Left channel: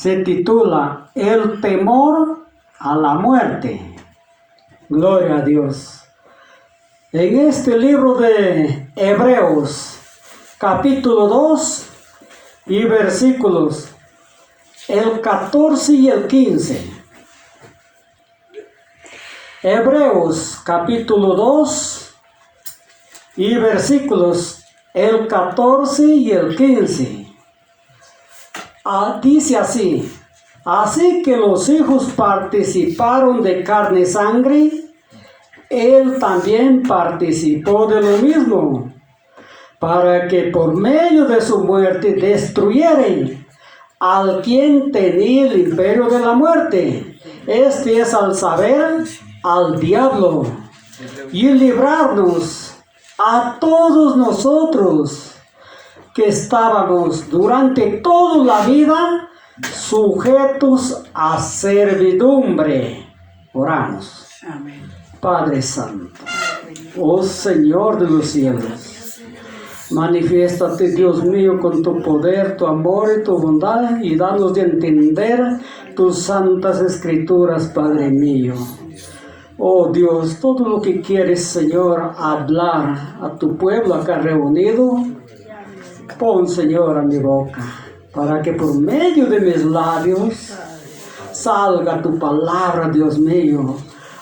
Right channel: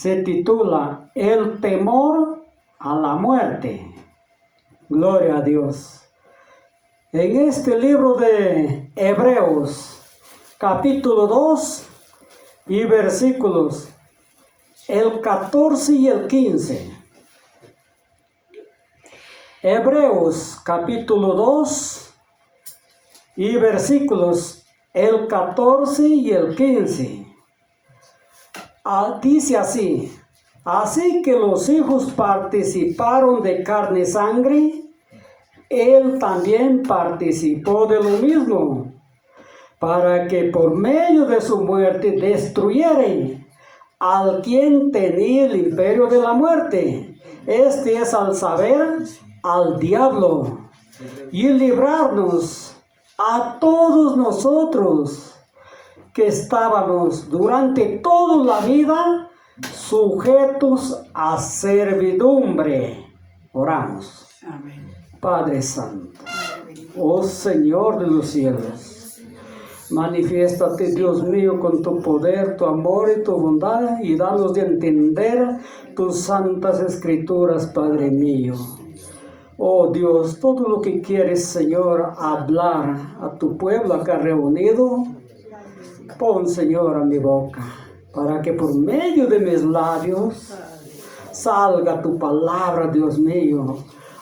se titula El temor a la muerte. Gloria a Dios. En este libro de Hebreos, capítulo 2 y versículos el 14 y el 15. Hebreos, capítulo 2 y versículos el 14 y el 15. Dice así: así que los hijos participaron de carne y sangre, él también participó de lo mismo, para que por medio de su muerte destruyeren al quien tenía el imperio de la muerte, este es al saber, al diablo, y librarnos a todos nosotros que estábamos durante toda la vida sujetos a servidumbre. Oramos. Amén. Padre Santo, oh Señor de los cielos, manifiéstate, Dios mío, con tu poder, tu amor y tu bondad, y danos de entender tus santas escrituras, Padre mío. Oh Dios, todo lo que quieres, Señor, hablar a tu pueblo acá reunido, pon, Señor, a mi boca, para que por medio de mis labios salga tu palabra, Dios mío,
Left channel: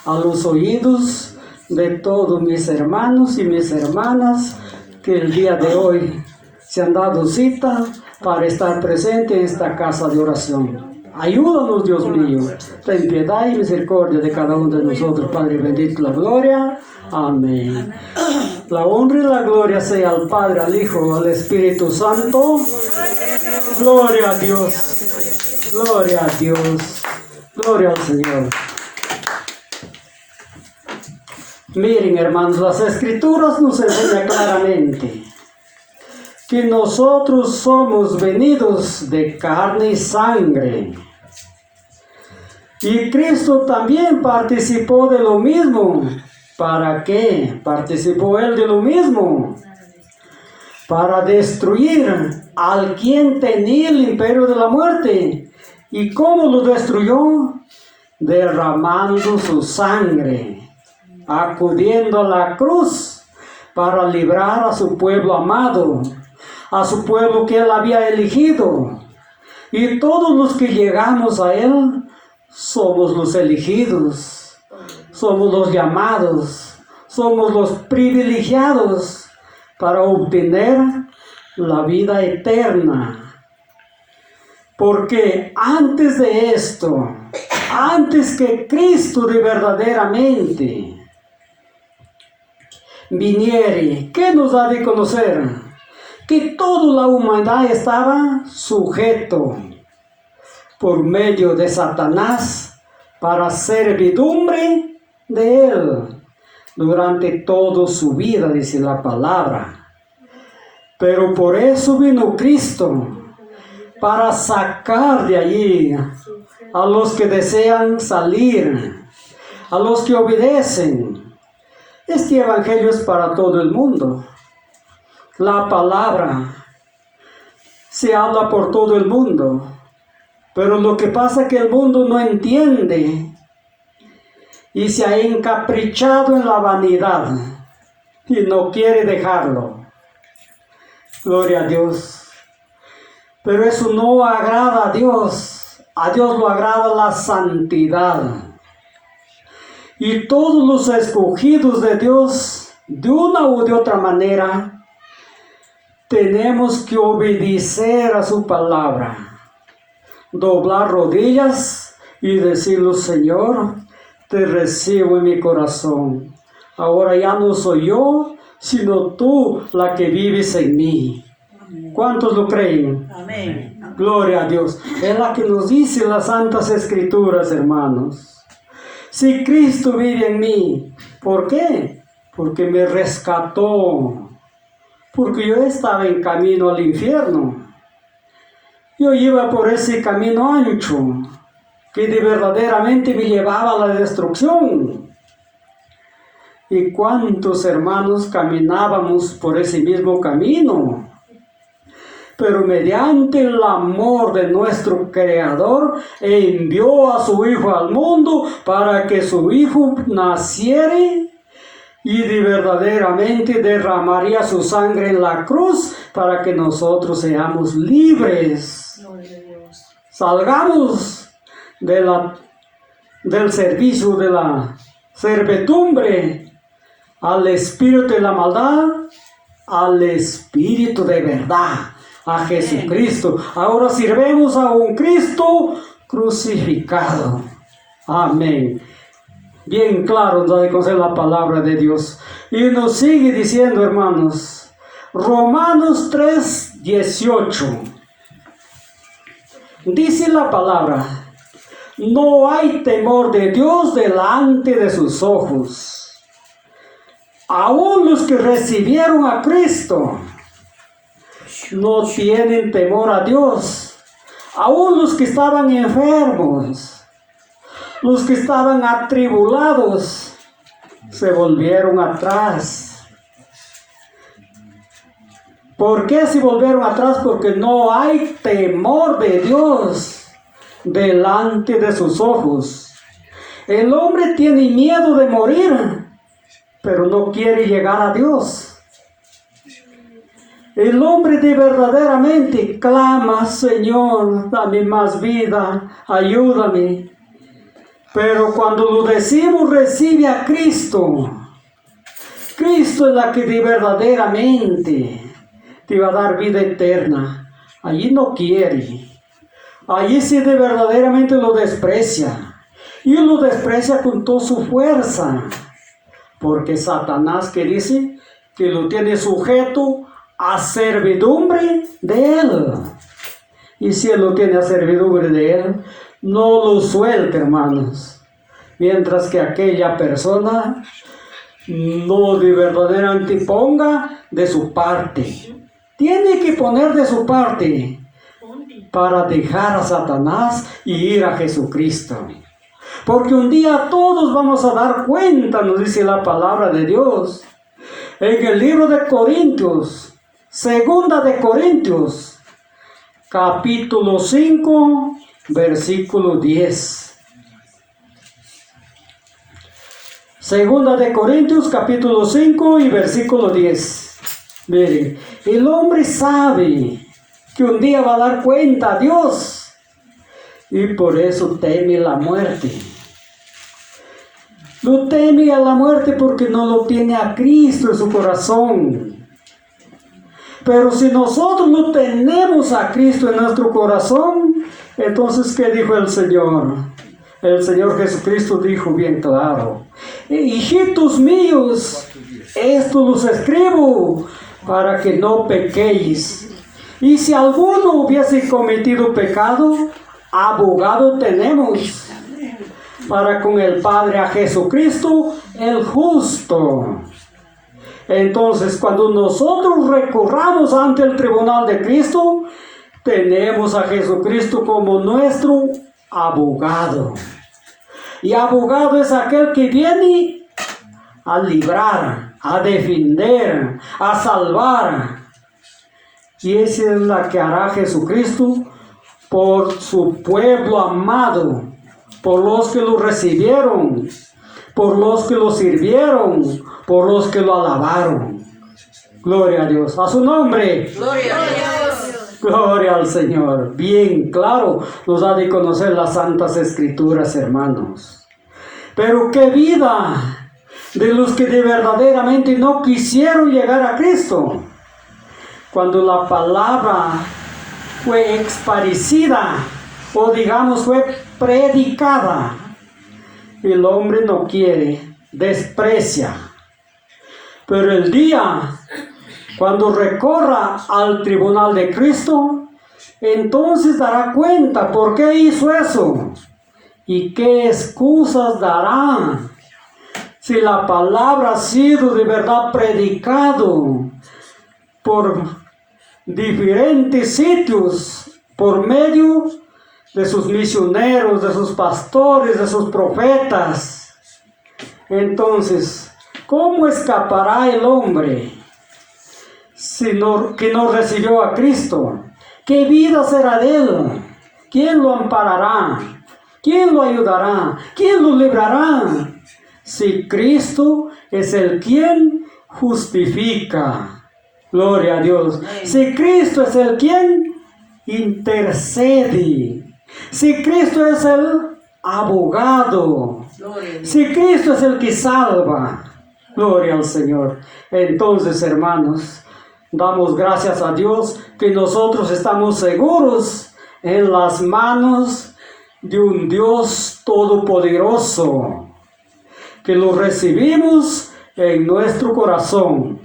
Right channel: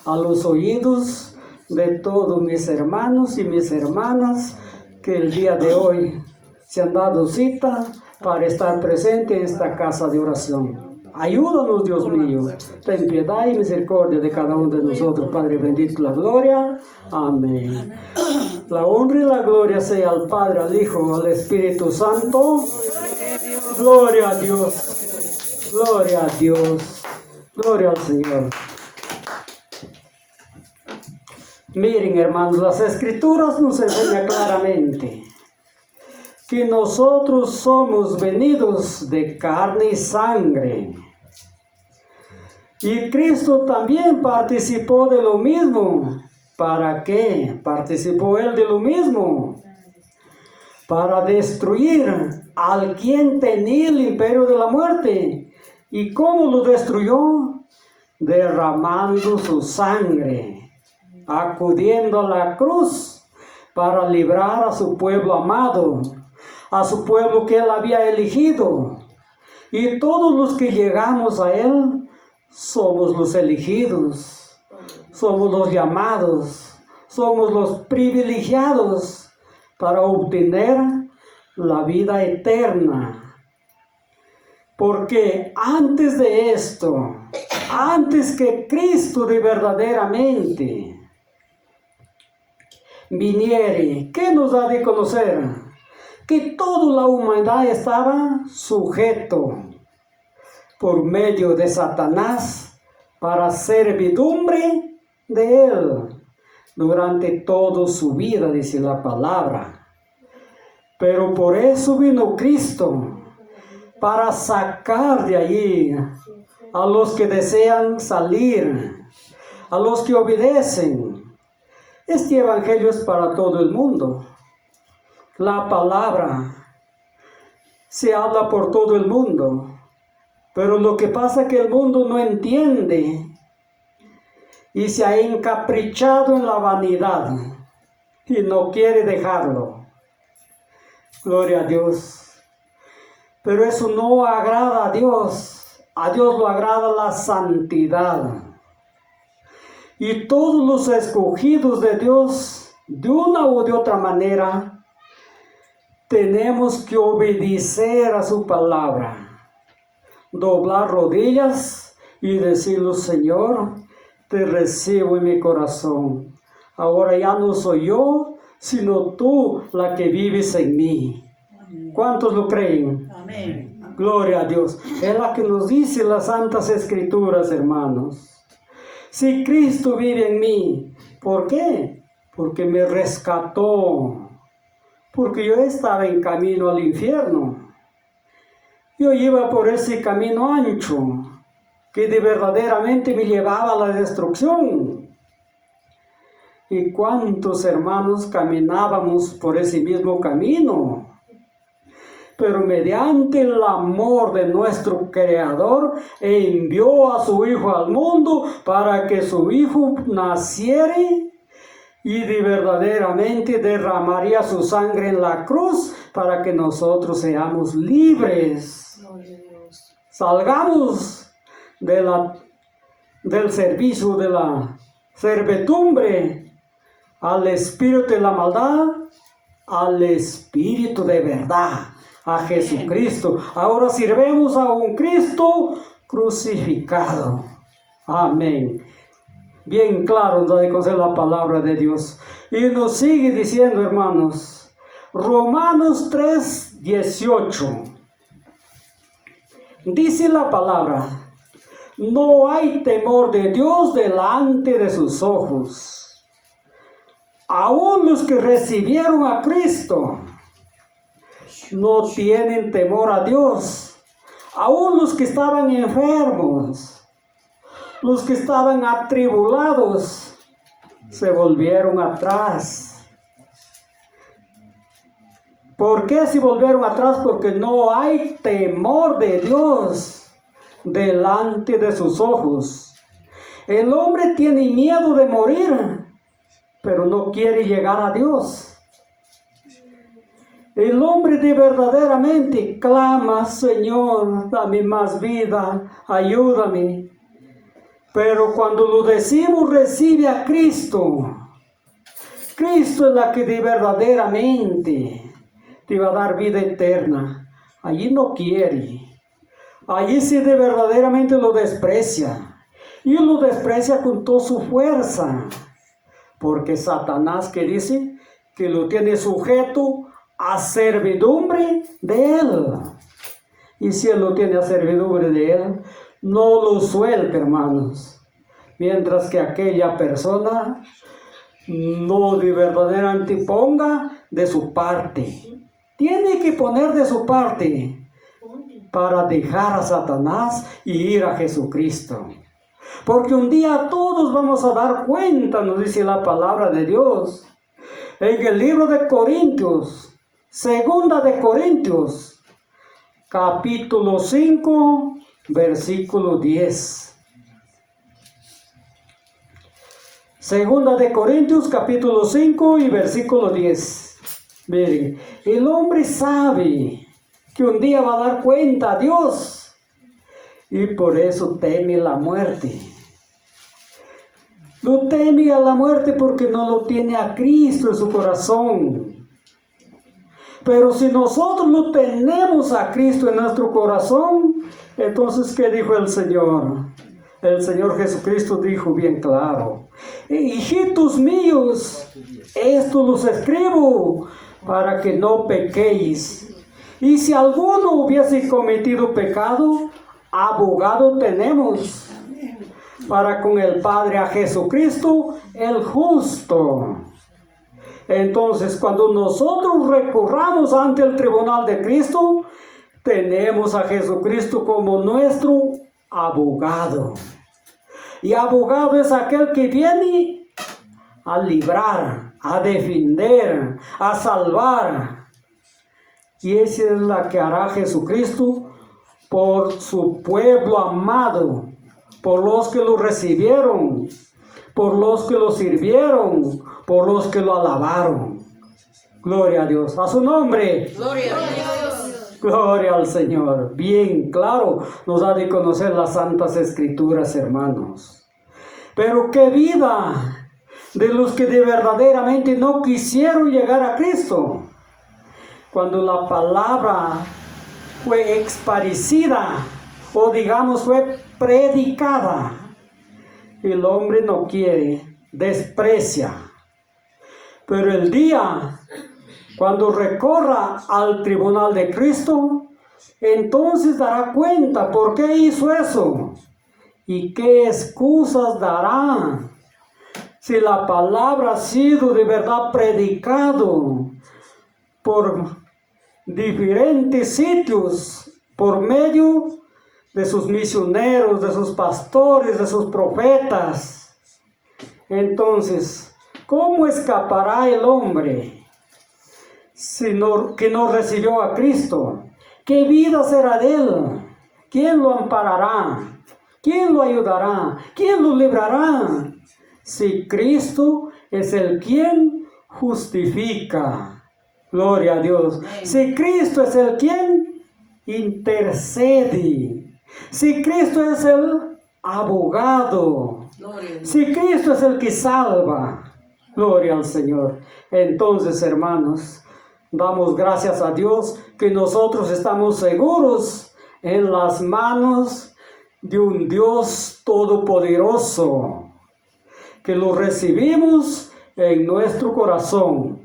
a los oídos de todos mis hermanos y mis hermanas que el día de hoy se han dado cita para estar presente en esta casa de oración. Ayúdanos, Dios mío, ten piedad y misericordia de cada uno de nosotros, Padre bendito, la gloria. Amén. La honra y la gloria sea al Padre, al Hijo, al Espíritu Santo. Gloria a Dios. Gloria a Dios. Gloria al Señor. Miren, hermanos, las Escrituras nos enseñan claramente que nosotros somos venidos de carne y sangre. Y Cristo también participó de lo mismo. ¿Para qué participó Él de lo mismo? Para destruir al quien tenía el imperio de la muerte. ¿Y cómo lo destruyó? Derramando su sangre, acudiendo a la cruz para librar a su pueblo amado, a su pueblo que Él había elegido. Y todos los que llegamos a Él somos los elegidos, somos los llamados, somos los privilegiados para obtener la vida eterna. Porque antes de esto, antes que Cristo de verdaderamente viniere, ¿qué nos da de conocer? Que toda la humanidad estaba sujeto por medio de Satanás para servidumbre de él durante toda su vida, dice la palabra. Pero por eso vino Cristo, para sacar de allí a los que desean salir, a los que obedecen. Este evangelio es para todo el mundo. La palabra se habla por todo el mundo, pero lo que pasa es que el mundo no entiende y se ha encaprichado en la vanidad y no quiere dejarlo. Gloria a Dios. Pero eso no agrada a Dios. A Dios lo agrada la santidad. Y todos los escogidos de Dios, de una u de otra manera, tenemos que obedecer a su palabra, doblar rodillas y decirle: Señor, te recibo en mi corazón. Ahora ya no soy yo, sino tú la que vives en mí. ¿Cuántos lo creen? Amén. Gloria a Dios. Es la que nos dice las Santas Escrituras, hermanos. Si Cristo vive en mí, ¿por qué? Porque me rescató. Porque yo estaba en camino al infierno. Yo iba por ese camino ancho que de verdaderamente me llevaba a la destrucción. ¿Y cuántos hermanos caminábamos por ese mismo camino? pero mediante el amor de nuestro Creador envió a su Hijo al mundo para que su Hijo naciera y verdaderamente derramaría su sangre en la cruz para que nosotros seamos libres. Salgamos del servicio de la servidumbre al espíritu de la maldad, al espíritu de verdad, a Jesucristo. Ahora sirvemos a un Cristo crucificado. Amén. Bien claro nos da de conocer la palabra de Dios. Y nos sigue diciendo, hermanos, Romanos 3:18. Dice la palabra: no hay temor de Dios delante de sus ojos. Aún los que recibieron a Cristo no tienen temor a Dios. Aún los que estaban enfermos, los que estaban atribulados, se volvieron atrás. ¿Por qué se volvieron atrás? Porque no hay temor de Dios delante de sus ojos. El hombre tiene miedo de morir, pero no quiere llegar a Dios. El hombre de verdaderamente clama: Señor, dame más vida, ayúdame. Pero cuando lo decimos, recibe a Cristo. Cristo es la que de verdaderamente te va a dar vida eterna. Allí no quiere. Allí sí de verdaderamente lo desprecia. Y lo desprecia con toda su fuerza. Porque Satanás, que dice que lo tiene sujeto a servidumbre de él. Y si él lo tiene a servidumbre de él, no lo suelta, hermanos. Mientras que aquella persona no de verdaderamente ponga de su parte. Tiene que poner de su parte para dejar a Satanás y ir a Jesucristo. Porque un día todos vamos a dar cuenta, nos dice la palabra de Dios. En el libro de Corintios, segunda de Corintios, capítulo 5, versículo 10. Segunda de Corintios, capítulo 5 y versículo 10. Miren, el hombre sabe que un día va a dar cuenta a Dios y por eso teme la muerte. Lo teme a la muerte porque no lo tiene a Cristo en su corazón. Pero si nosotros no tenemos a Cristo en nuestro corazón, entonces, ¿qué dijo el Señor? El Señor Jesucristo dijo bien claro: hijitos míos, esto los escribo para que no pequéis. Y si alguno hubiese cometido pecado, abogado tenemos para con el Padre, a Jesucristo el justo. Entonces, cuando nosotros recurramos ante el tribunal de Cristo, tenemos a Jesucristo como nuestro abogado. Y abogado es aquel que viene a librar, a defender, a salvar. Y esa es la que hará Jesucristo por su pueblo amado, por los que lo recibieron, por los que lo sirvieron, por los que lo alabaron. Gloria a Dios. A su nombre. Gloria a Dios. Gloria al Señor. Bien claro nos ha de conocer las Santas Escrituras, hermanos. Pero qué vida de los que de verdaderamente no quisieron llegar a Cristo. Cuando la palabra fue exparecida, o digamos fue predicada, el hombre no quiere, desprecia. Pero el día cuando recorra al tribunal de Cristo, entonces dará cuenta por qué hizo eso y qué excusas dará. Si la palabra ha sido de verdad predicado por diferentes sitios, por medio de sus misioneros, de sus pastores, de sus profetas, entonces, ¿cómo escapará el hombre que no recibió a Cristo? ¿Qué vida será de él? ¿Quién lo amparará? ¿Quién lo ayudará? ¿Quién lo librará? Si Cristo es el quien justifica. Gloria a Dios. Si Cristo es el quien intercede. Si Cristo es el abogado. Si Cristo es el que salva. Gloria al Señor. Entonces, hermanos, damos gracias a Dios que nosotros estamos seguros en las manos de un Dios todopoderoso, que lo recibimos en nuestro corazón.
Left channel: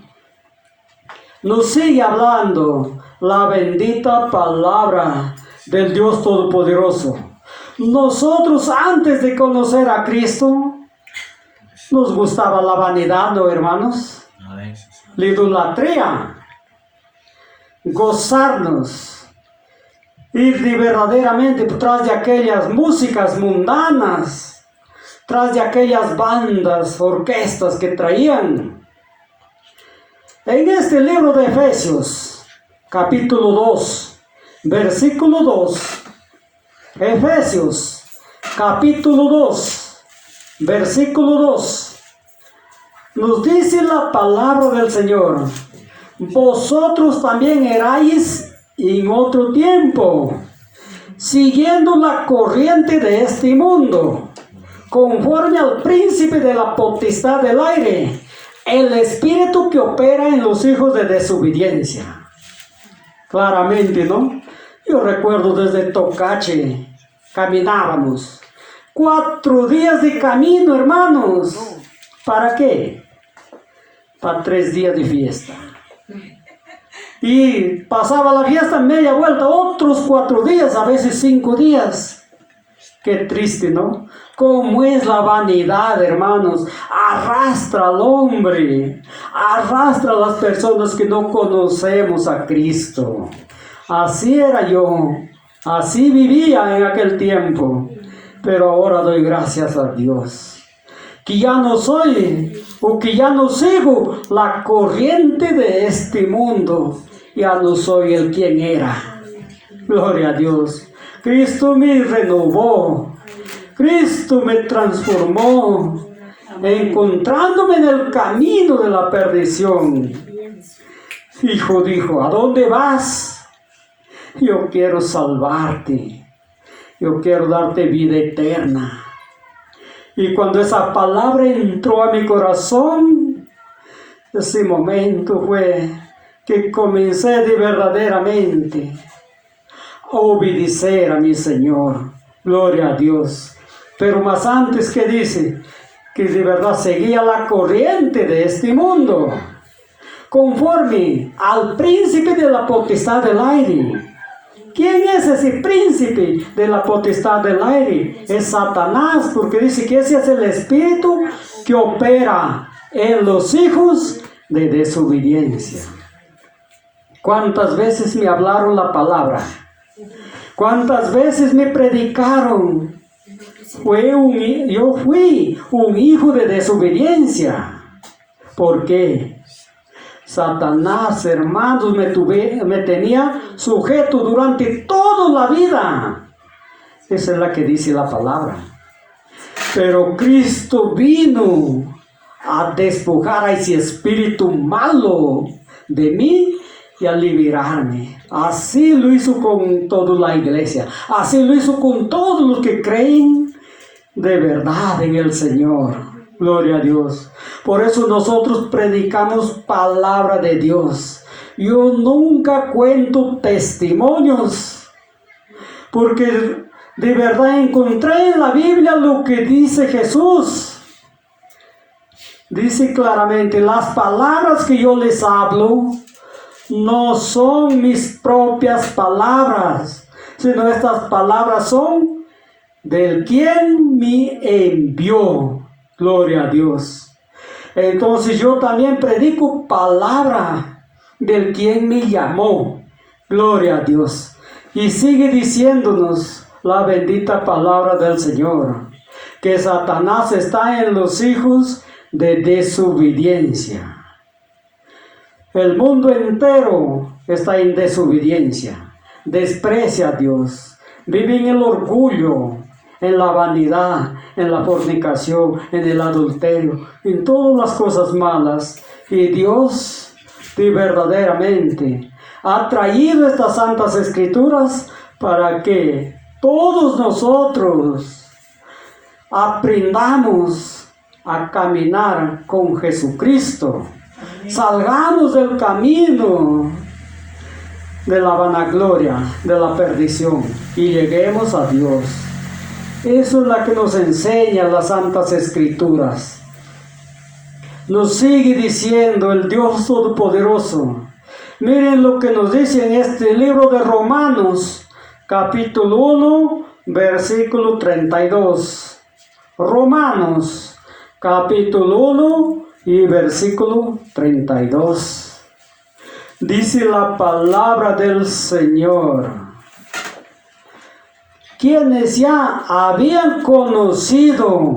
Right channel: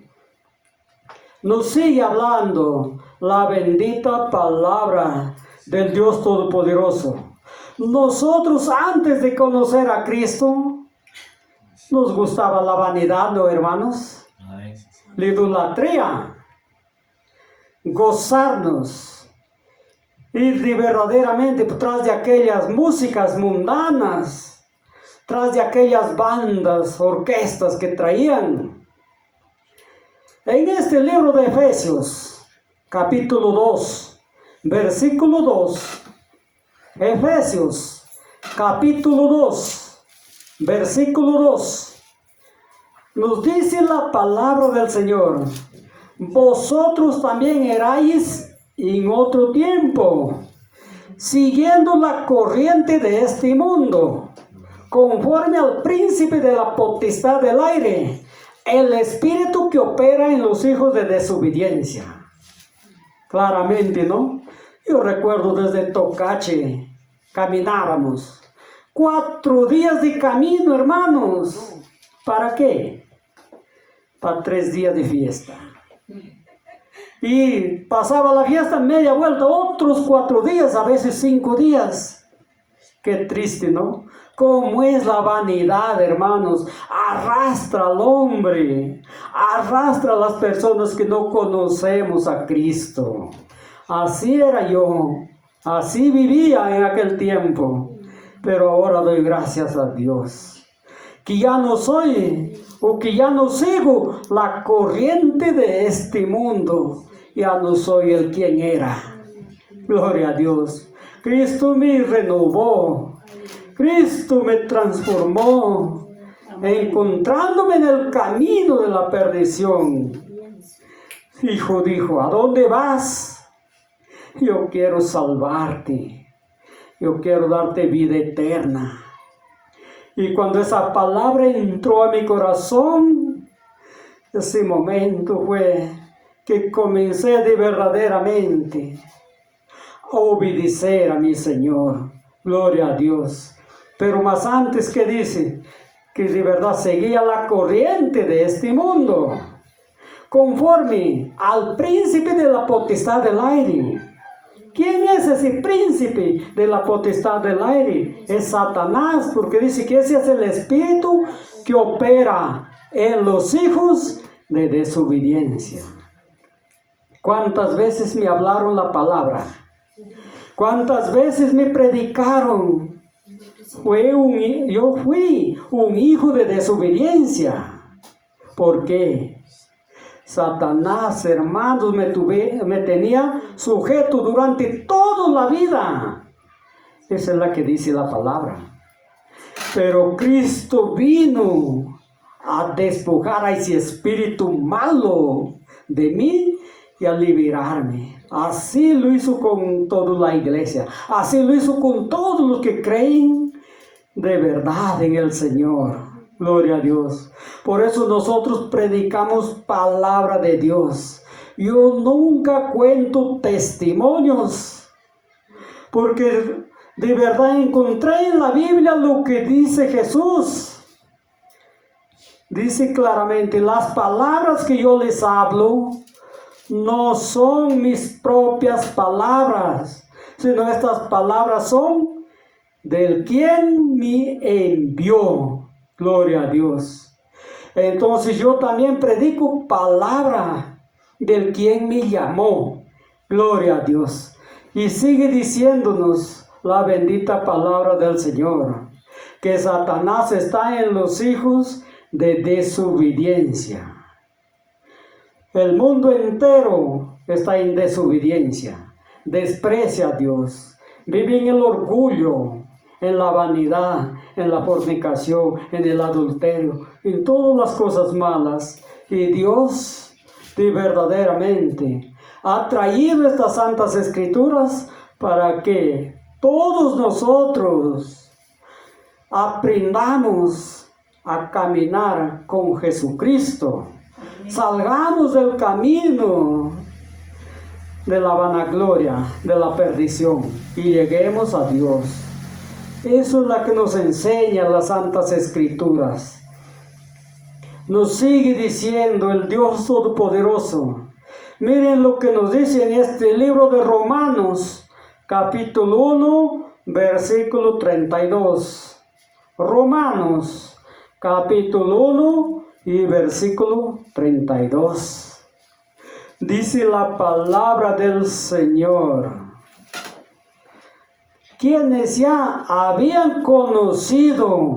Nos sigue hablando la bendita palabra del Dios todopoderoso. Nosotros, antes de conocer a Cristo, nos gustaba la vanidad, ¿no, hermanos? La idolatría, gozarnos, ir de verdaderamente tras de aquellas músicas mundanas, tras de aquellas bandas, orquestas que traían. En este libro de Efesios, capítulo 2, versículo 2, Efesios, capítulo 2, versículo 2, nos dice la palabra del Señor: vosotros también erais en otro tiempo, siguiendo la corriente de este mundo, conforme al príncipe de la potestad del aire, el espíritu que opera en los hijos de desobediencia. Claramente, ¿no? Yo recuerdo desde Tocache, caminábamos 4 días de camino, hermanos. ¿Para qué? Para 3 días de fiesta. Y pasaba la fiesta media vuelta, otros 4 días, a veces 5 días. Qué triste, ¿no? Cómo es la vanidad, hermanos. Arrastra al hombre, arrastra a las personas que no conocemos a Cristo. Así era yo, así vivía en aquel tiempo. Pero ahora doy gracias a Dios, que ya no soy, o que ya no sigo la corriente de este mundo. Ya no soy el quien era. Gloria a Dios. Cristo me renovó. Cristo me transformó, encontrándome en el camino de la perdición. Hijo dijo: ¿a dónde vas? Yo quiero salvarte. Yo quiero darte vida eterna. Y cuando esa palabra entró a mi corazón, ese momento fue que comencé de verdaderamente a obedecer a mi Señor. Gloria a Dios. Pero más antes, que dice que de verdad seguía la corriente de este mundo, conforme al príncipe de la potestad del aire. ¿Quién es ese príncipe de la potestad del aire? Es Satanás, porque dice que ese es el espíritu que opera en los hijos de desobediencia. ¿Cuántas veces me hablaron la palabra? ¿Cuántas veces me predicaron? Yo fui un hijo de desobediencia. ¿Por qué? Satanás, hermanos, me tenía sujeto durante toda la vida. Esa es la que dice la palabra. Pero Cristo vino a despojar a ese espíritu malo de mí y a liberarme. Así lo hizo con toda la iglesia. Así lo hizo con todos los que creen de verdad en el Señor. Gloria a Dios. Por eso nosotros predicamos palabra de Dios. Yo nunca cuento testimonios, porque de verdad encontré en la Biblia lo que dice Jesús. Dice claramente: las palabras que yo les hablo no son mis propias palabras, sino estas palabras son del quien me envió. Gloria a Dios. Entonces yo también predico palabra del quien me llamó. Gloria a Dios. Y sigue diciéndonos la bendita palabra del Señor, que Satanás está en los hijos de desobediencia. El mundo entero está en desobediencia. desprecia a Dios, vive en el orgullo, en la vanidad, en la fornicación, en el adulterio, en todas las cosas malas. Y Dios verdaderamente ha traído estas santas escrituras para que todos nosotros aprendamos a caminar con Jesucristo. Salgamos del camino de la vanagloria, de la perdición, y lleguemos a Dios. Eso es lo que nos enseñan las santas escrituras. Nos sigue diciendo el Dios Todopoderoso. Miren lo que nos dice en este libro de Romanos, capítulo 1, versículo 32. Romanos, capítulo 1 y versículo 32. Dice la palabra del Señor: quienes ya habían conocido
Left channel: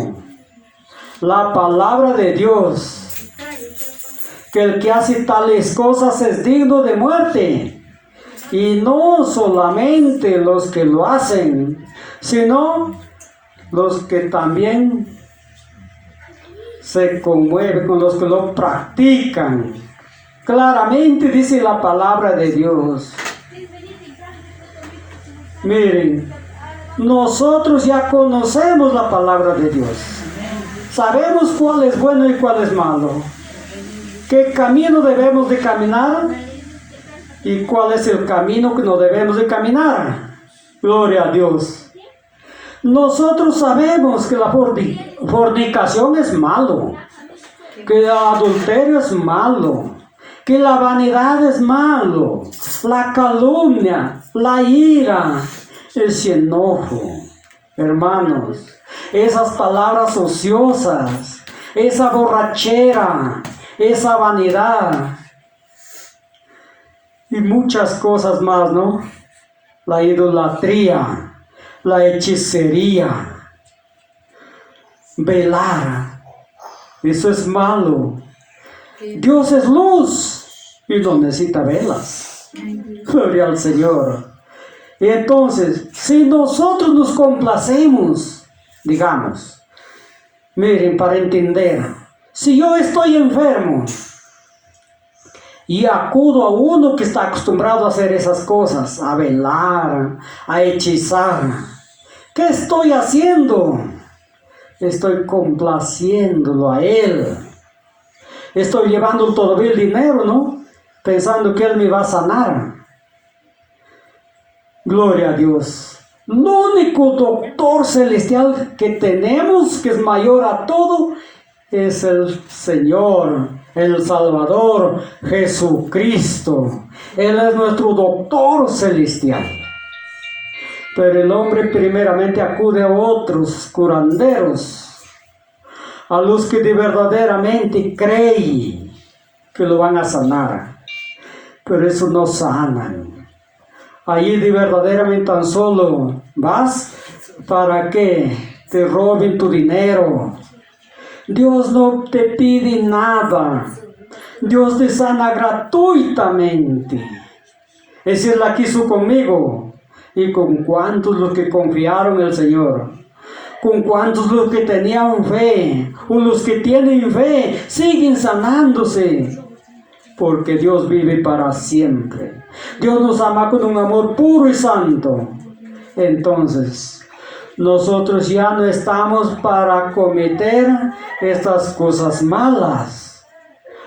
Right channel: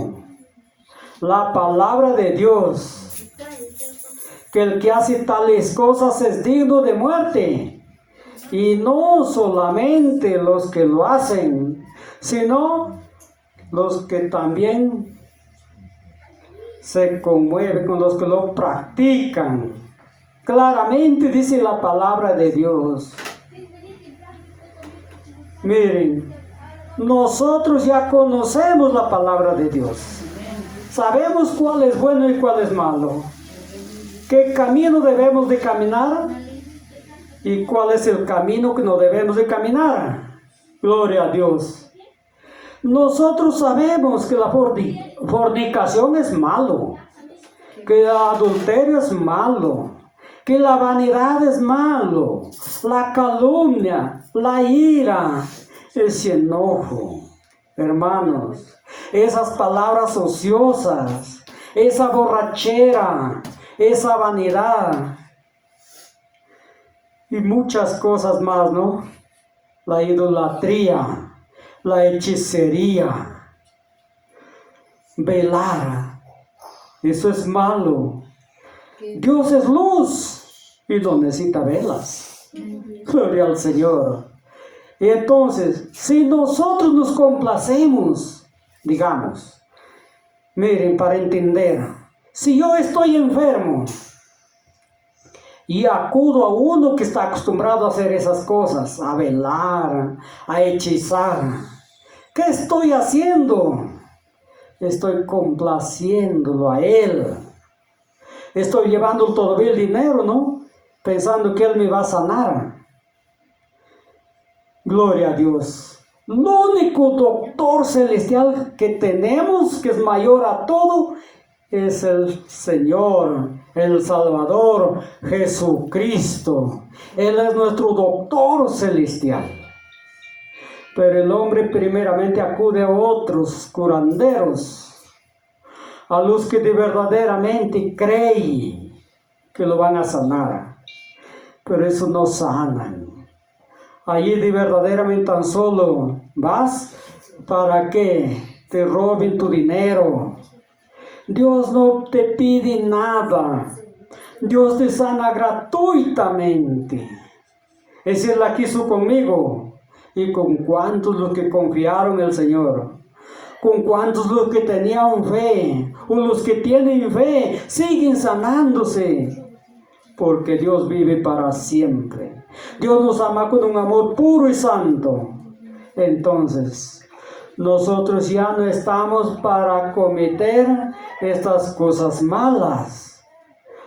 la palabra de Dios, que el que hace tales cosas es digno de muerte, y no solamente los que lo hacen, sino los que también se conmueven con los que lo practican. Claramente dice la palabra de Dios. Miren, nosotros ya conocemos la palabra de Dios. Sabemos cuál es bueno y cuál es malo. ¿Qué camino debemos de caminar? ¿Y cuál es el camino que no debemos de caminar? Gloria a Dios. Nosotros sabemos que la fornicación es malo, que el adulterio es malo, que la vanidad es malo, la calumnia, la ira, ese enojo. Hermanos, esas palabras ociosas, esa borrachera, esa vanidad y muchas cosas más, ¿no? La idolatría, la hechicería, velar, eso es malo. Dios es luz y no necesita velas. Gloria al Señor. Y entonces, si nosotros nos complacemos, digamos, miren, para entender, si yo estoy enfermo y acudo a uno que está acostumbrado a hacer esas cosas, a velar, a hechizar, ¿qué estoy haciendo? Estoy complaciéndolo a él. Estoy llevando todavía el dinero, ¿no? Pensando que él me va a sanar. Gloria a Dios. El único doctor celestial que tenemos, que es mayor a todo, es el Señor, el Salvador, Jesucristo. Él es nuestro doctor celestial. Pero el hombre primeramente acude a otros curanderos, a los que de verdaderamente creen que lo van a sanar. Pero eso no sanan. Allí de verdaderamente tan solo vas para que te roben tu dinero. Dios no te pide nada. Dios te sana gratuitamente. Esa es la que hizo conmigo. ¿Y con cuántos los que confiaron en el Señor? ¿Con cuántos los que tenían fe? O los que tienen fe siguen sanándose. Porque Dios vive para siempre. Dios nos ama con un amor puro y santo. Entonces, nosotros ya no estamos para cometer estas cosas malas.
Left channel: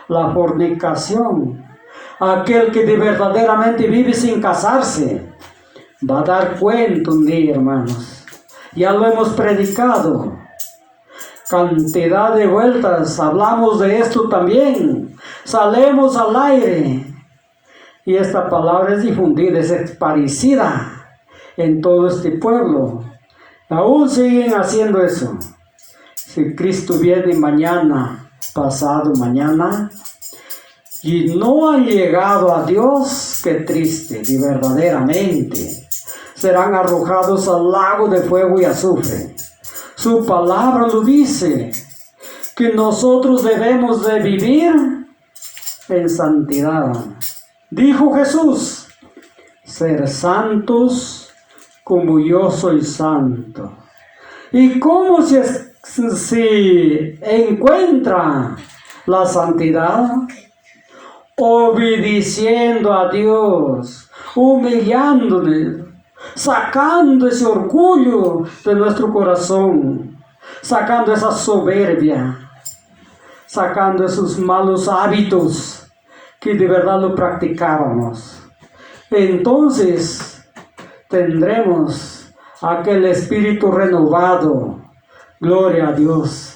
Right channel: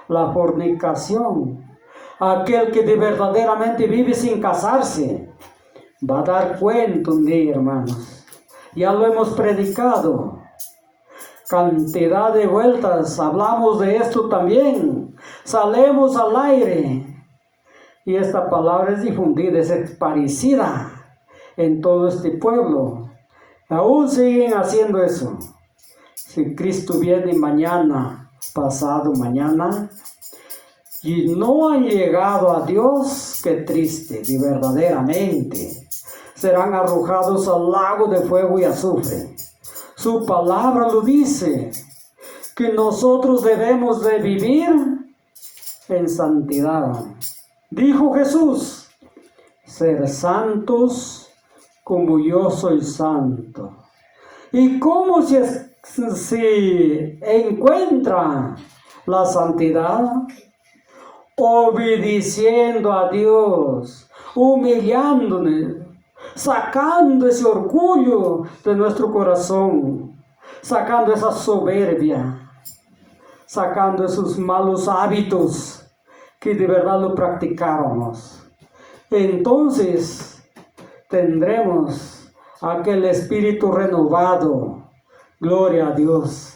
La fornicación. Aquel que de verdaderamente vive sin casarse va a dar cuenta un día, hermanos. Ya lo hemos predicado. Cantidad de vueltas hablamos de esto también. Salemos al aire. Y esta palabra es difundida, es esparcida en todo este pueblo. Aún siguen haciendo eso. Si Cristo viene mañana, pasado mañana, y no han llegado a Dios, qué triste, y verdaderamente serán arrojados al lago de fuego y azufre. Su palabra lo dice, que nosotros debemos de vivir en santidad. Dijo Jesús, ser santos como yo soy santo. ¿Y cómo se encuentra la santidad? Obedeciendo a Dios, humillándole, sacando ese orgullo de nuestro corazón, sacando esa soberbia, sacando esos malos hábitos que de verdad lo practicábamos. Entonces tendremos aquel espíritu renovado. Gloria a Dios.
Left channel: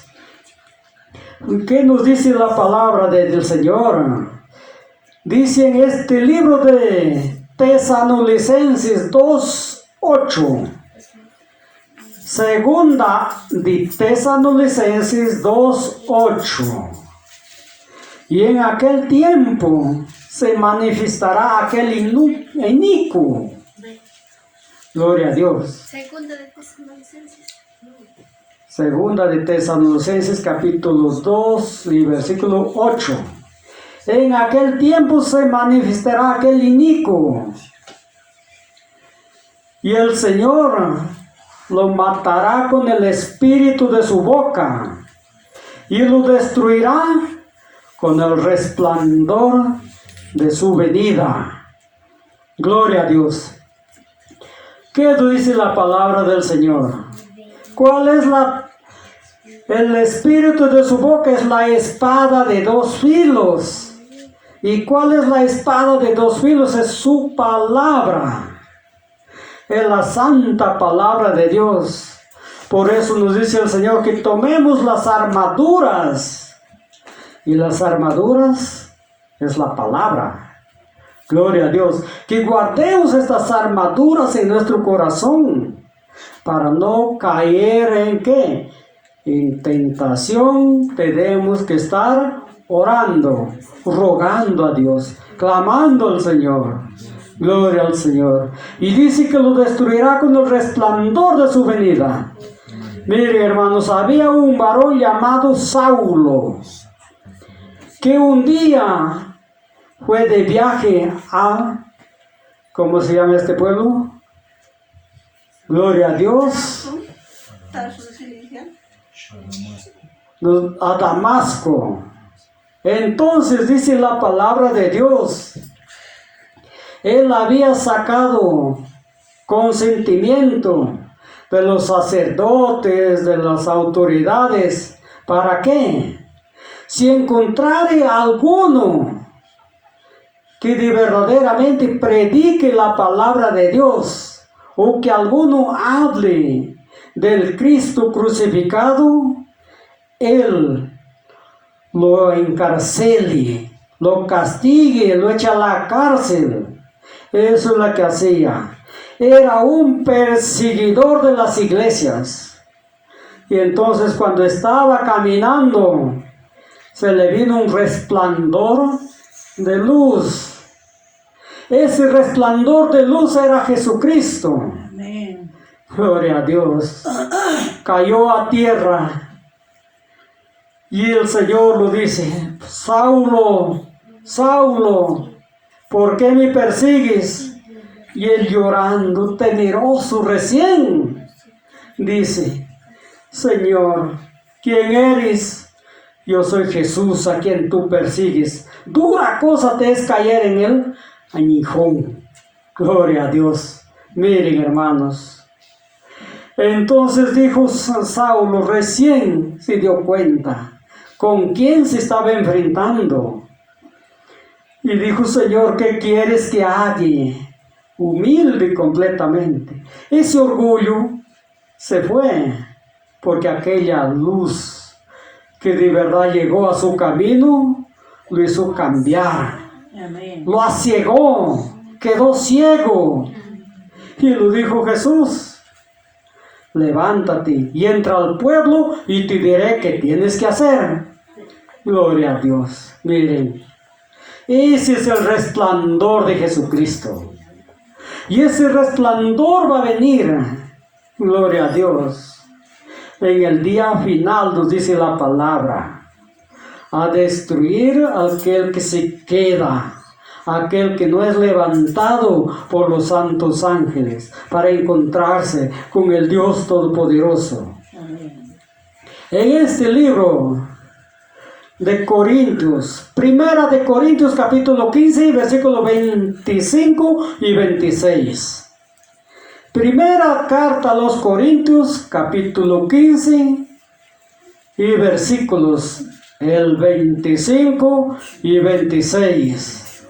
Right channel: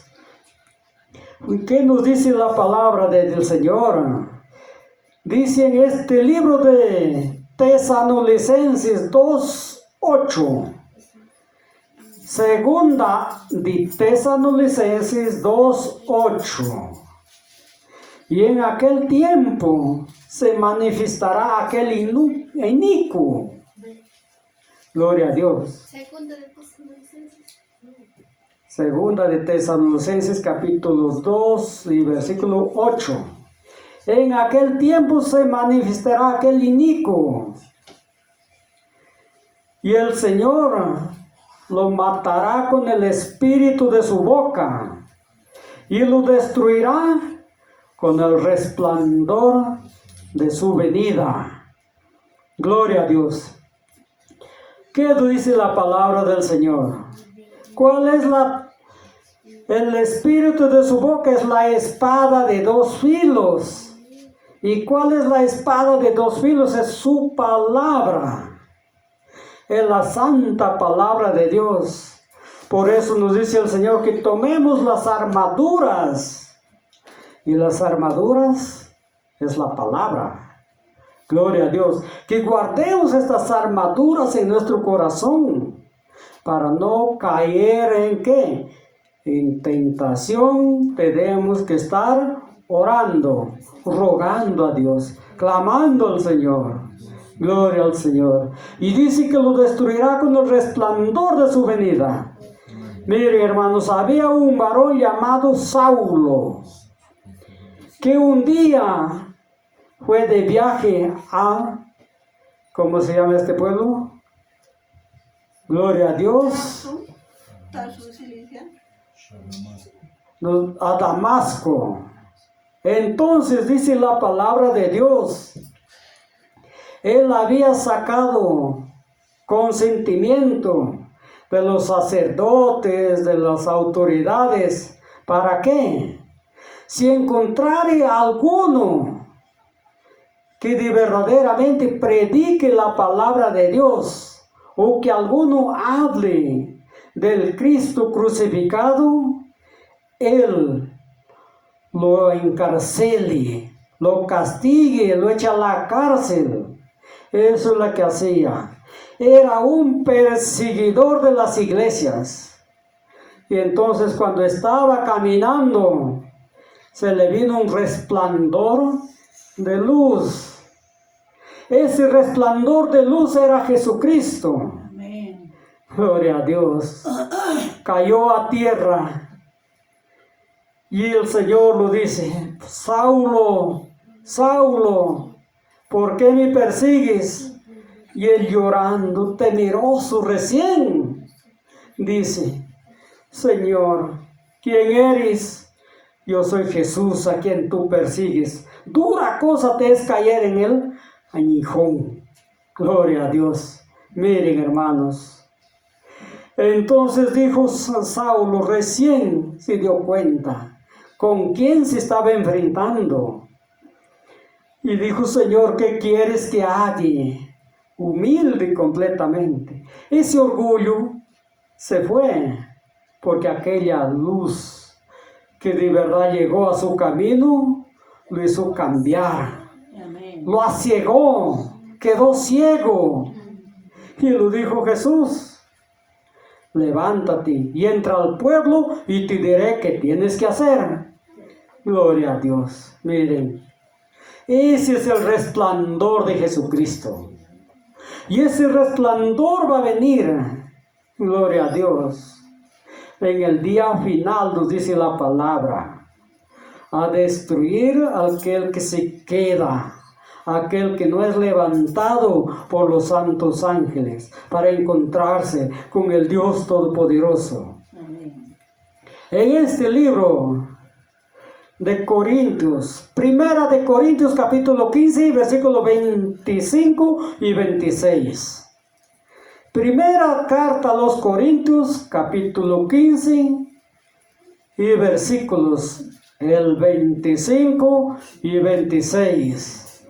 ¿Qué nos dice la palabra del Señor? Dice en este libro de Tesalonicenses 2:8. Segunda de Tesalonicenses 2:8. Y en aquel tiempo se manifestará aquel inicuo. Gloria a Dios. Segunda de Tesalonicenses capítulo 2 y versículo 8. En aquel tiempo se manifestará aquel inicuo. Y el Señor lo matará con el espíritu de su boca. Y lo destruirá con el resplandor de su venida. Gloria a Dios. ¿Qué dice la palabra del Señor? ¿Cuál es el espíritu de su boca? Es la espada de dos filos. ¿Y cuál es la espada de dos filos? Es su palabra. Es la santa palabra de Dios. Por eso nos dice el Señor que tomemos las armaduras. Y las armaduras es la palabra. Gloria a Dios. Que guardemos estas armaduras en nuestro corazón. Para no caer en ¿qué? En tentación. Tenemos que estar orando, rogando a Dios, clamando al Señor. Gloria al Señor. Y dice que lo destruirá con el resplandor de su venida. Miren, hermanos, había un varón llamado Saulo, que un día fue de viaje a, ¿cómo se llama este pueblo? Gloria a Dios. A Damasco. Entonces dice la palabra de Dios. Él había sacado consentimiento de los sacerdotes, de las autoridades. ¿Para qué? Si encontrare alguno que de verdaderamente predique la palabra de Dios, o que alguno hable del Cristo crucificado, él lo encarcele, lo castigue, lo eche a la cárcel. Eso es lo que hacía. Era un perseguidor de las iglesias. Y entonces cuando estaba caminando, se le vino un resplandor de luz. Ese resplandor de luz era Jesucristo. Amén. Gloria a Dios. Cayó a tierra. Y el Señor lo dice: Saulo, Saulo, ¿por qué me persigues? Y él llorando, temeroso recién, dice: Señor, ¿quién eres? Yo soy Jesús a quien tú persigues. Dura cosa te es caer en el aguijón. Gloria a Dios. Miren, hermanos. Entonces dijo Saulo, recién se dio cuenta con quién se estaba enfrentando. Y dijo: Señor, ¿qué quieres que haga? Humilde completamente. Ese orgullo se fue, porque aquella luz que de verdad llegó a su camino, lo hizo cambiar. Amén. Lo aciegó, quedó ciego. Y lo dijo Jesús: levántate y entra al pueblo y te diré qué tienes que hacer. Gloria a Dios. Miren, ese es el resplandor de Jesucristo. Y ese resplandor va a venir, gloria a Dios, en el día final, nos dice la palabra, a destruir a aquel que se queda, aquel que no es levantado por los santos ángeles para encontrarse con el Dios Todopoderoso. Amén. En este libro de Corintios, Primera de Corintios capítulo 15, versículos 25 y 26. Primera carta a los Corintios capítulo 15 y versículos el 25 y 26.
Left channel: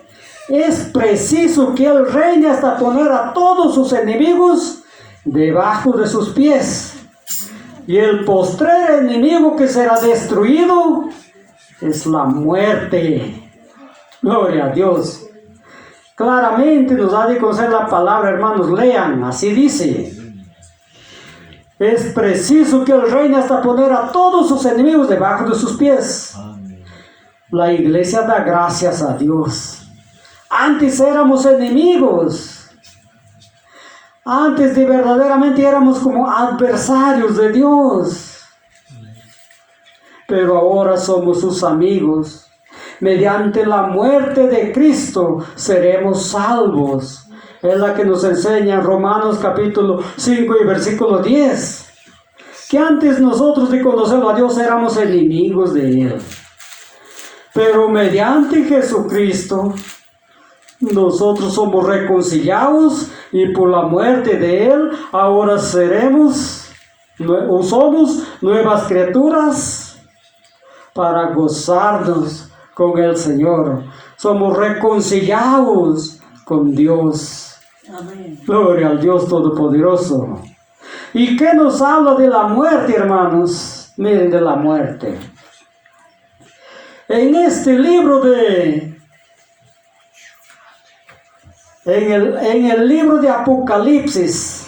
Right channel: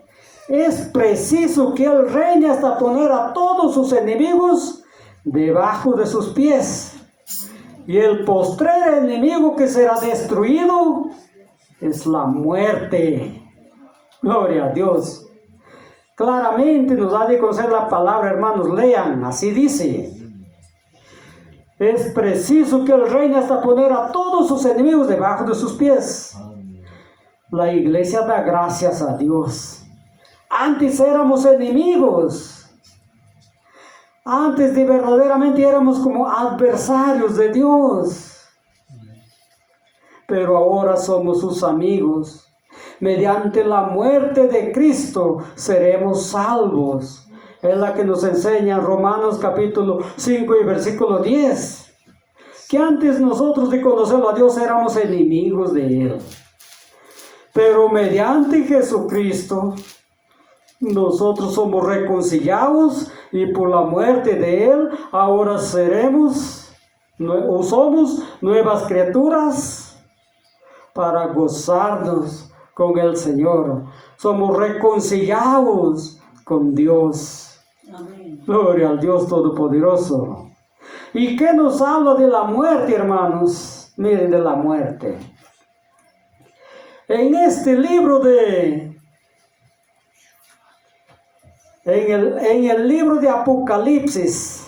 Es preciso que Él reine hasta poner a todos sus enemigos debajo de sus pies. Y el postrer enemigo que será destruido es la muerte. Gloria a Dios. Claramente nos ha de conocer la palabra, hermanos. Lean, así dice. Es preciso que Él reine hasta poner a todos sus enemigos debajo de sus pies. La iglesia da gracias a Dios. Antes éramos enemigos. Antes de verdaderamente éramos como adversarios de Dios. Pero ahora somos sus amigos. Mediante la muerte de Cristo seremos salvos. Es la que nos enseña Romanos capítulo 5 y versículo 10. Que antes nosotros de conocerlo a Dios éramos enemigos de Él. Pero mediante Jesucristo nosotros somos reconciliados y por la muerte de Él ahora somos nuevas criaturas para gozarnos con el Señor. Somos reconciliados con Dios. Amén. Gloria al Dios Todopoderoso. ¿Y qué nos habla de la muerte, hermanos? Miren, de la muerte. En este libro en el libro de Apocalipsis,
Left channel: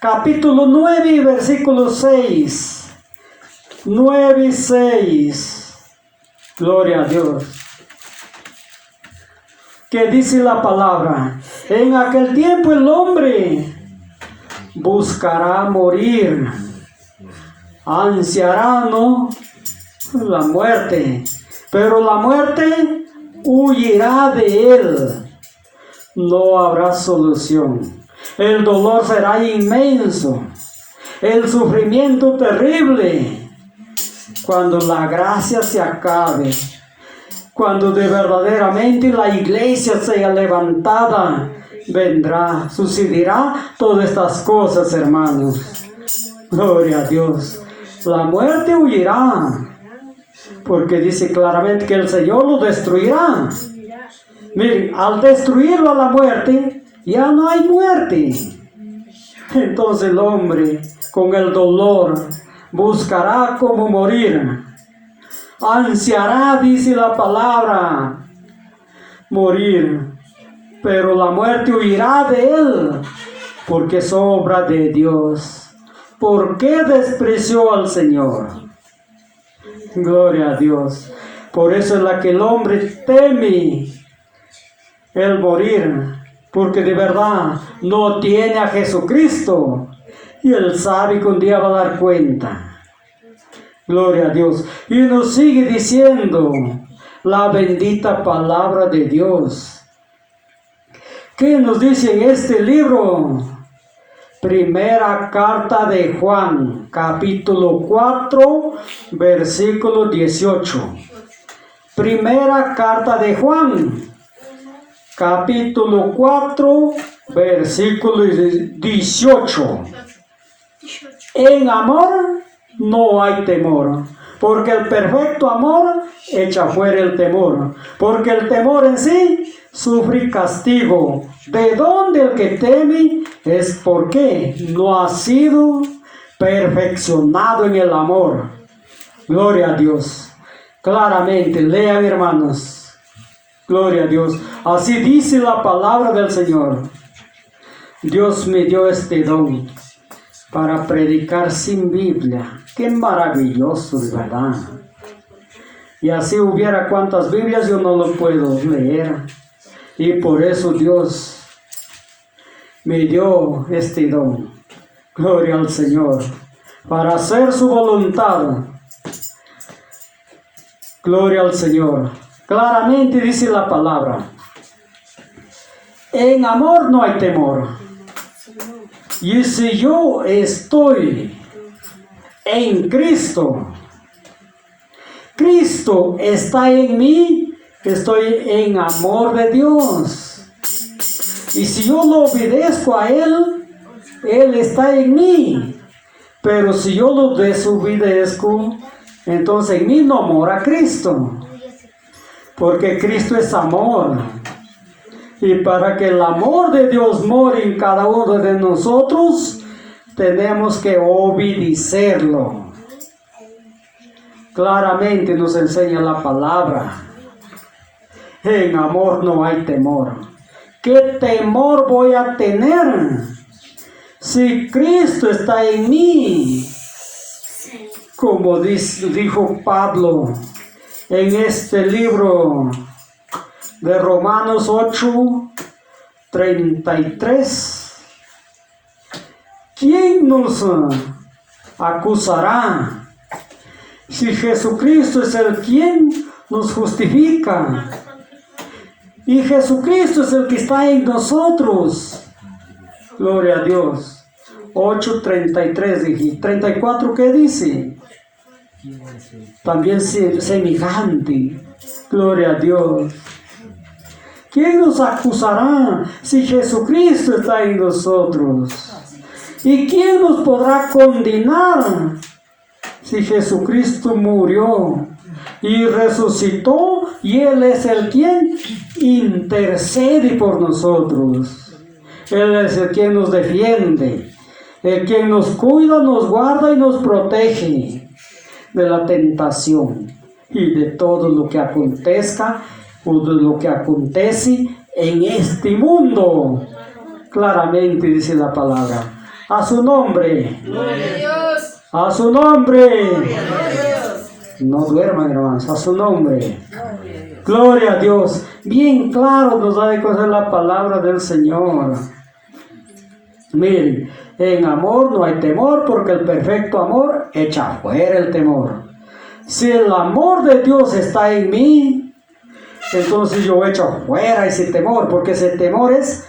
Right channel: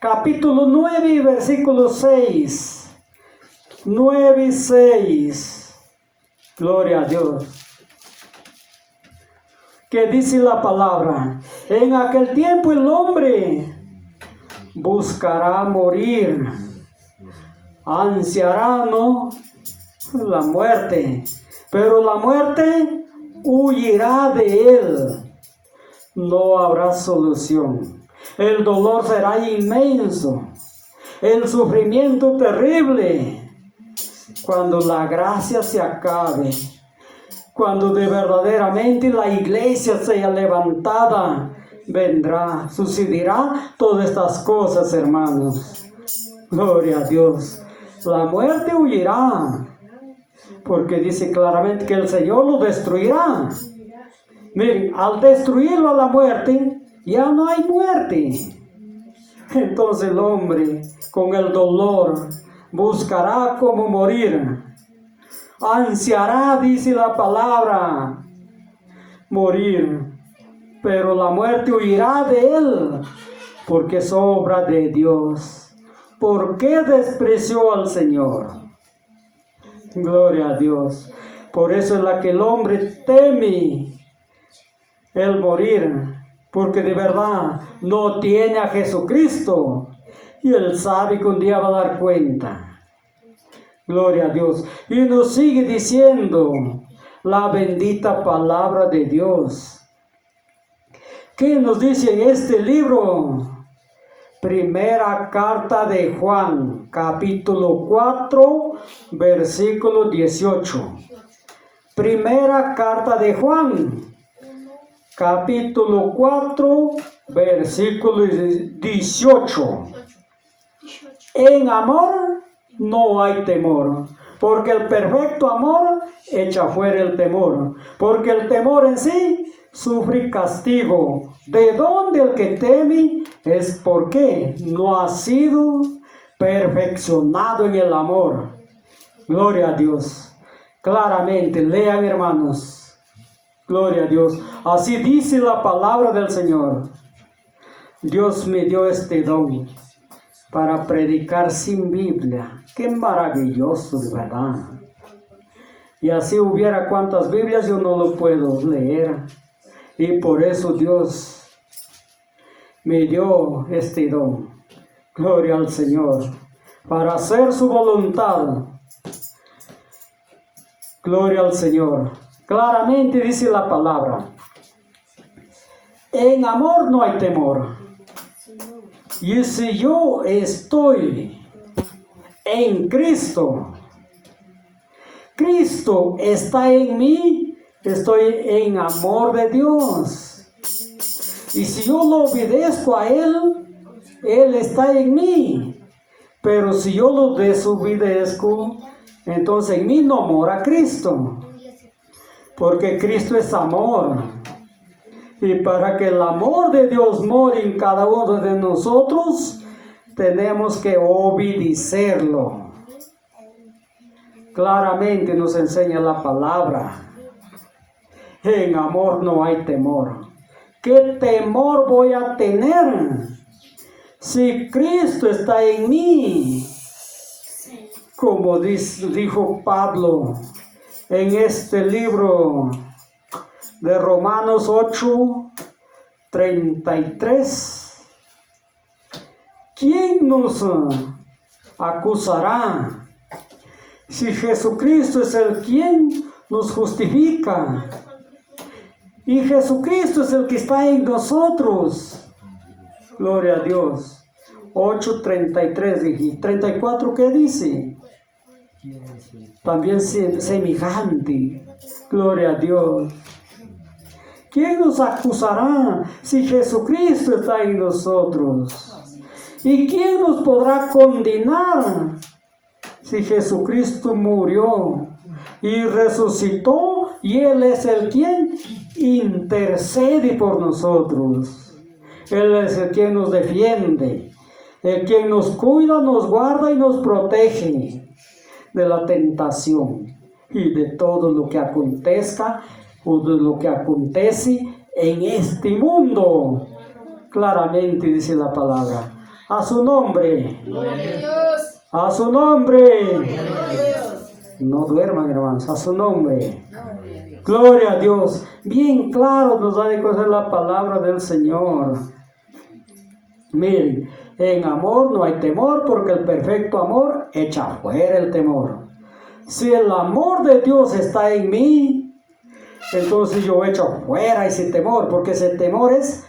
capítulo 9 y versículo 6. 9 y 6. Gloria a Dios. Que dice la palabra: en aquel tiempo el hombre buscará morir, ansiará, ¿no?, la muerte, pero la muerte huirá de él. No habrá solución. El dolor será inmenso, el sufrimiento terrible. Cuando la gracia se acabe, cuando de verdaderamente la iglesia sea levantada, vendrá, sucederá todas estas cosas, hermanos. Gloria a Dios. La muerte huirá, porque dice claramente que el Señor lo destruirá. Miren, al destruirlo a la muerte, ya no hay muerte. Entonces el hombre con el dolor buscará cómo morir. Ansiará, dice la palabra, morir. Pero la muerte huirá de él, porque es obra de Dios. ¿Por qué despreció al Señor? Gloria a Dios. Por eso es la que el hombre teme el morir, porque de verdad no tiene a Jesucristo. Y él sabe que un día va a dar cuenta. Gloria a Dios. Y nos sigue diciendo la bendita palabra de Dios. ¿Qué nos dice en este libro? Primera carta de Juan, capítulo 4, versículo 18. Primera carta de Juan, capítulo 4, versículo 18. En amor no hay temor, porque el perfecto amor echa fuera el temor, porque el temor en sí sufre castigo. ¿De dónde el que teme? Es porque no ha sido perfeccionado en el amor. Gloria a Dios. Claramente, lean, hermanos. Gloria a Dios. Así dice la palabra del Señor. Dios me dio este don para predicar sin Biblia. Qué maravilloso, de verdad. Y así hubiera cuantas Biblias, yo no lo puedo leer. Y por eso Dios me dio este don. Gloria al Señor. Para hacer su voluntad. Gloria al Señor. Claramente dice la palabra. En amor no hay temor. Y si yo estoy en Cristo, Cristo está en mí, estoy en amor de Dios. Y si yo lo obedezco a Él, Él está en mí. Pero si yo lo desobedezco, entonces en mí no mora Cristo. Porque Cristo es amor. Y para que el amor de Dios more en cada uno de nosotros, tenemos que obedecerlo. Claramente nos enseña la palabra. En amor no hay temor. ¿Qué temor voy a tener si Cristo está en mí? Como dijo Pablo en este libro de Romanos 8:33. ¿Quién nos acusará? Si Jesucristo es el quien nos justifica. Y Jesucristo es el que está en nosotros. Gloria a Dios. 8:33 dije. 34, ¿qué dice? También semejante. Gloria a Dios. ¿Quién nos acusará si Jesucristo está en nosotros? ¿Y quién nos podrá condenar si Jesucristo murió y resucitó y Él es el quien intercede por nosotros? Él es el quien nos defiende, el quien nos cuida, nos guarda y nos protege de la tentación y de todo lo que acontezca o de lo que acontece en este mundo. Claramente dice la palabra. A su nombre. A su nombre. No duerman, hermanos. A su nombre. Gloria a Dios. Bien claro nos da de conocer la palabra del Señor. Miren, en amor no hay temor, porque el perfecto amor echa fuera el temor. Si el amor de Dios está en mí, entonces yo echo fuera ese temor, porque ese temor es